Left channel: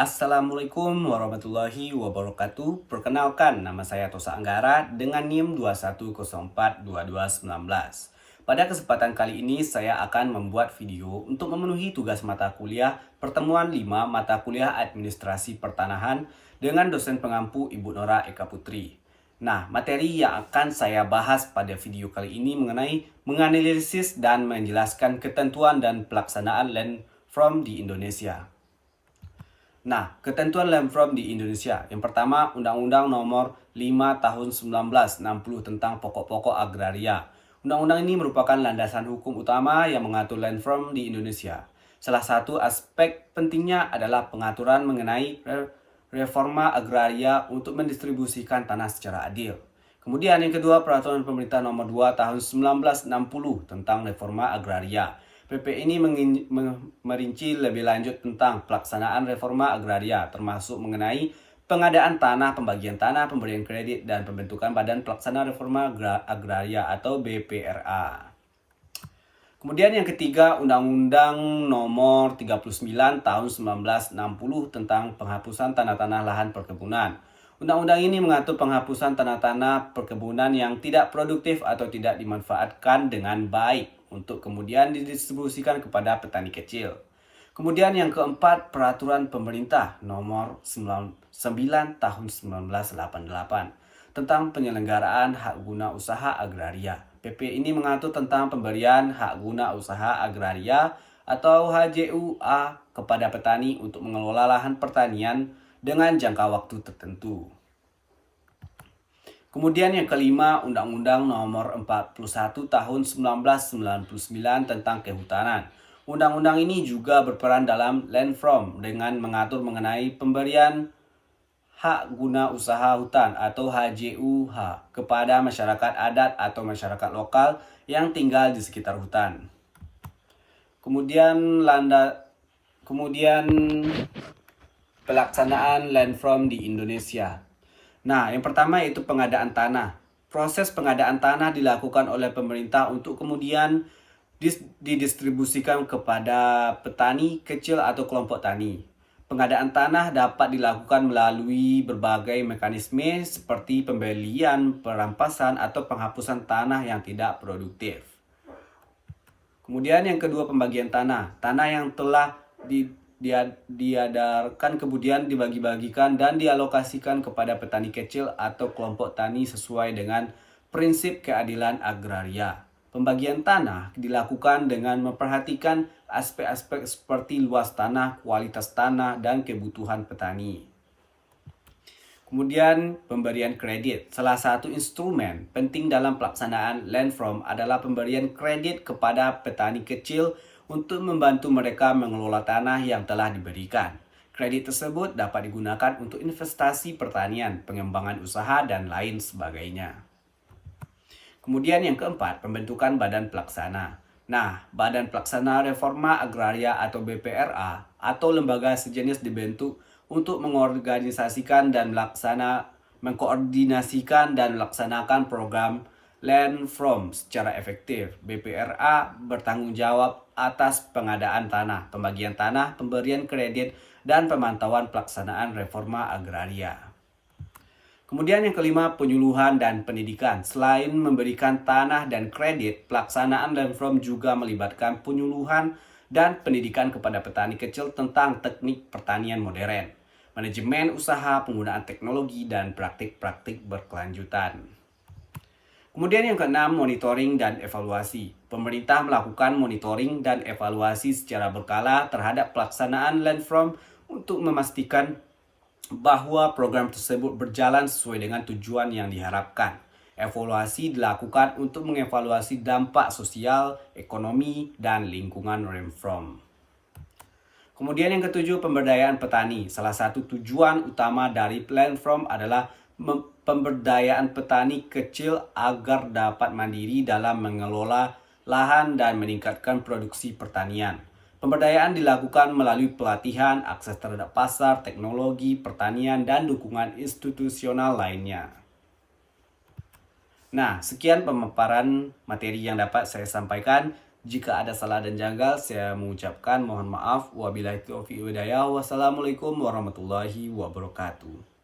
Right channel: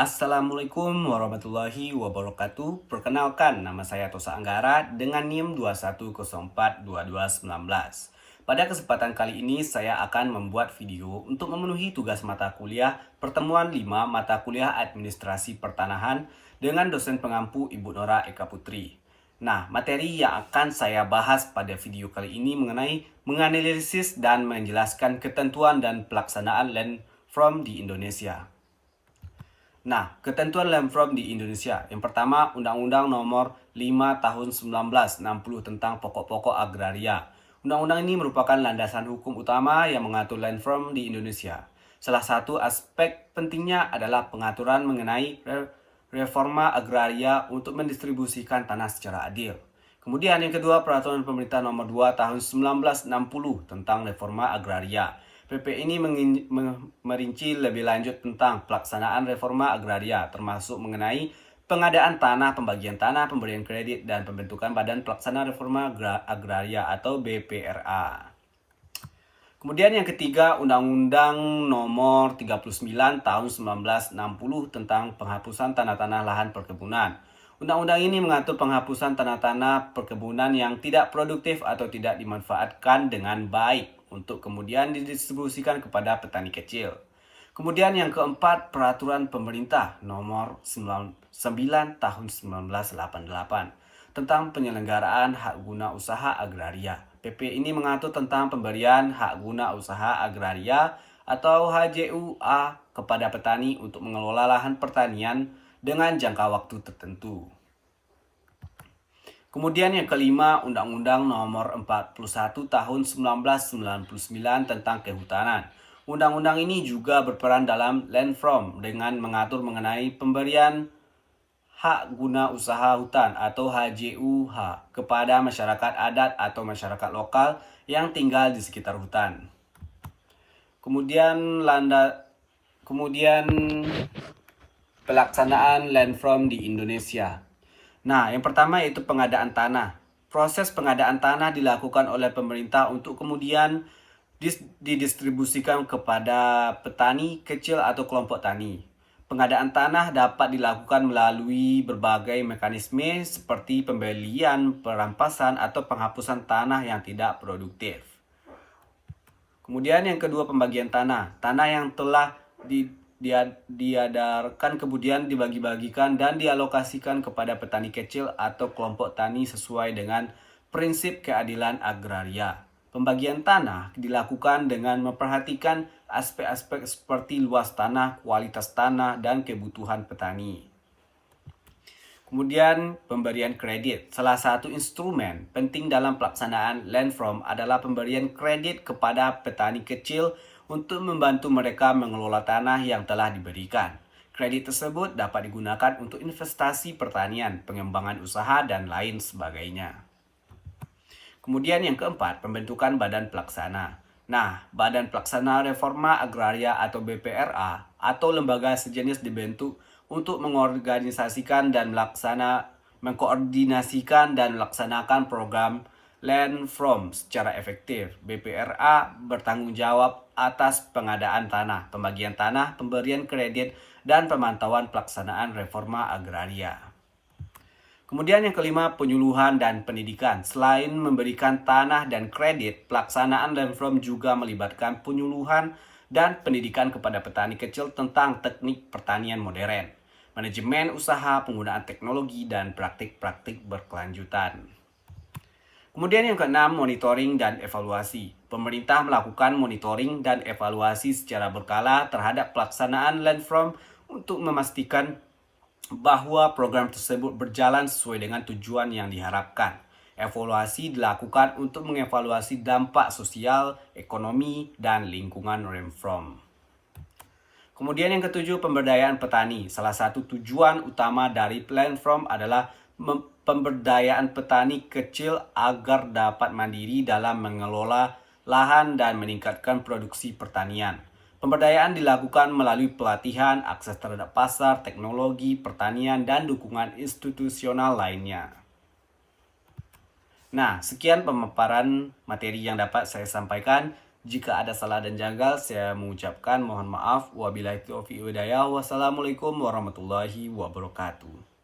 Assalamualaikum warahmatullahi wabarakatuh. Perkenalkan, nama saya Tosa Anggara dengan NIM 21042219. Pada kesempatan kali ini saya akan membuat video untuk memenuhi tugas mata kuliah pertemuan 5 mata kuliah administrasi pertanahan dengan dosen pengampu Ibu Nora Eka Putri. Nah, materi yang akan saya bahas pada video kali ini mengenai menganalisis dan menjelaskan ketentuan dan pelaksanaan land from di Indonesia. Nah, ketentuan land from di Indonesia. Yang pertama, Undang-Undang Nomor 5 Tahun 1960 tentang pokok-pokok agraria. Undang-undang ini merupakan landasan hukum utama yang mengatur land from di Indonesia. Salah satu aspek pentingnya adalah pengaturan mengenai reforma agraria untuk mendistribusikan tanah secara adil. Kemudian yang kedua, Peraturan Pemerintah Nomor 2 Tahun 1960 tentang reforma agraria. PP ini merinci lebih lanjut tentang pelaksanaan reforma agraria, termasuk mengenai pengadaan tanah, pembagian tanah, pemberian kredit, dan pembentukan Badan Pelaksana Reforma Agraria atau BPRA. Kemudian yang ketiga, Undang-Undang Nomor 39 Tahun 1960 tentang penghapusan tanah-tanah lahan perkebunan. Undang-undang ini mengatur penghapusan tanah-tanah perkebunan yang tidak produktif atau tidak dimanfaatkan dengan baik untuk kemudian didistribusikan kepada petani kecil. Kemudian yang keempat, Peraturan Pemerintah Nomor 9 Tahun 1988 tentang penyelenggaraan hak guna usaha agraria. PP ini mengatur tentang pemberian hak guna usaha agraria atau HGUA kepada petani untuk mengelola lahan pertanian dengan jangka waktu tertentu. Kemudian yang kelima, Undang-Undang Nomor 41 Tahun 1999 tentang Kehutanan. Undang-undang ini juga berperan dalam land from dengan mengatur mengenai pemberian hak guna usaha hutan atau HGUH kepada masyarakat adat atau masyarakat lokal yang tinggal di sekitar hutan. Kemudian pelaksanaan land from di Indonesia. Nah, yang pertama yaitu pengadaan tanah. Proses pengadaan tanah dilakukan oleh pemerintah untuk kemudian didistribusikan kepada petani kecil atau kelompok tani. Pengadaan tanah dapat dilakukan melalui berbagai mekanisme seperti pembelian, perampasan, atau penghapusan tanah yang tidak produktif. Kemudian yang kedua, pembagian tanah. Tanah yang telah diadarkan kemudian dibagi-bagikan dan dialokasikan kepada petani kecil atau kelompok tani sesuai dengan prinsip keadilan agraria. Pembagian tanah dilakukan dengan memperhatikan aspek-aspek seperti luas tanah, kualitas tanah, dan kebutuhan petani. Kemudian pemberian kredit. Salah satu instrumen penting dalam pelaksanaan land from adalah pemberian kredit kepada petani kecil untuk membantu mereka mengelola tanah yang telah diberikan. Kredit tersebut dapat digunakan untuk investasi pertanian, pengembangan usaha, dan lain sebagainya. Kemudian yang keempat, pembentukan Badan Pelaksana. Nah, Badan Pelaksana Reforma Agraria atau BPRA atau lembaga sejenis dibentuk untuk mengorganisasikan dan mengkoordinasikan dan melaksanakan program land from secara efektif. BPRA bertanggung jawab atas pengadaan tanah, pembagian tanah, pemberian kredit, dan pemantauan pelaksanaan reforma agraria. Kemudian yang kelima, penyuluhan dan pendidikan. Selain memberikan tanah dan kredit, pelaksanaan land from juga melibatkan penyuluhan dan pendidikan kepada petani kecil tentang teknik pertanian modern, manajemen usaha, penggunaan teknologi, dan praktik-praktik berkelanjutan. Kemudian yang keenam, monitoring dan evaluasi. Pemerintah melakukan monitoring dan evaluasi secara berkala terhadap pelaksanaan land from untuk memastikan bahwa program tersebut berjalan sesuai dengan tujuan yang diharapkan. Evaluasi dilakukan untuk mengevaluasi dampak sosial, ekonomi, dan lingkungan land from. Kemudian yang ketujuh, pemberdayaan petani. Salah satu tujuan utama dari land from adalah pemberdayaan petani kecil agar dapat mandiri dalam mengelola lahan dan meningkatkan produksi pertanian. Pemberdayaan dilakukan melalui pelatihan, akses terhadap pasar, teknologi, pertanian, dan dukungan institusional lainnya. Nah, sekian pemaparan materi yang dapat saya sampaikan. Jika ada salah dan janggal, saya mengucapkan mohon maaf. Wabillahi taufiq wal hidayah. Wassalamualaikum warahmatullahi wabarakatuh.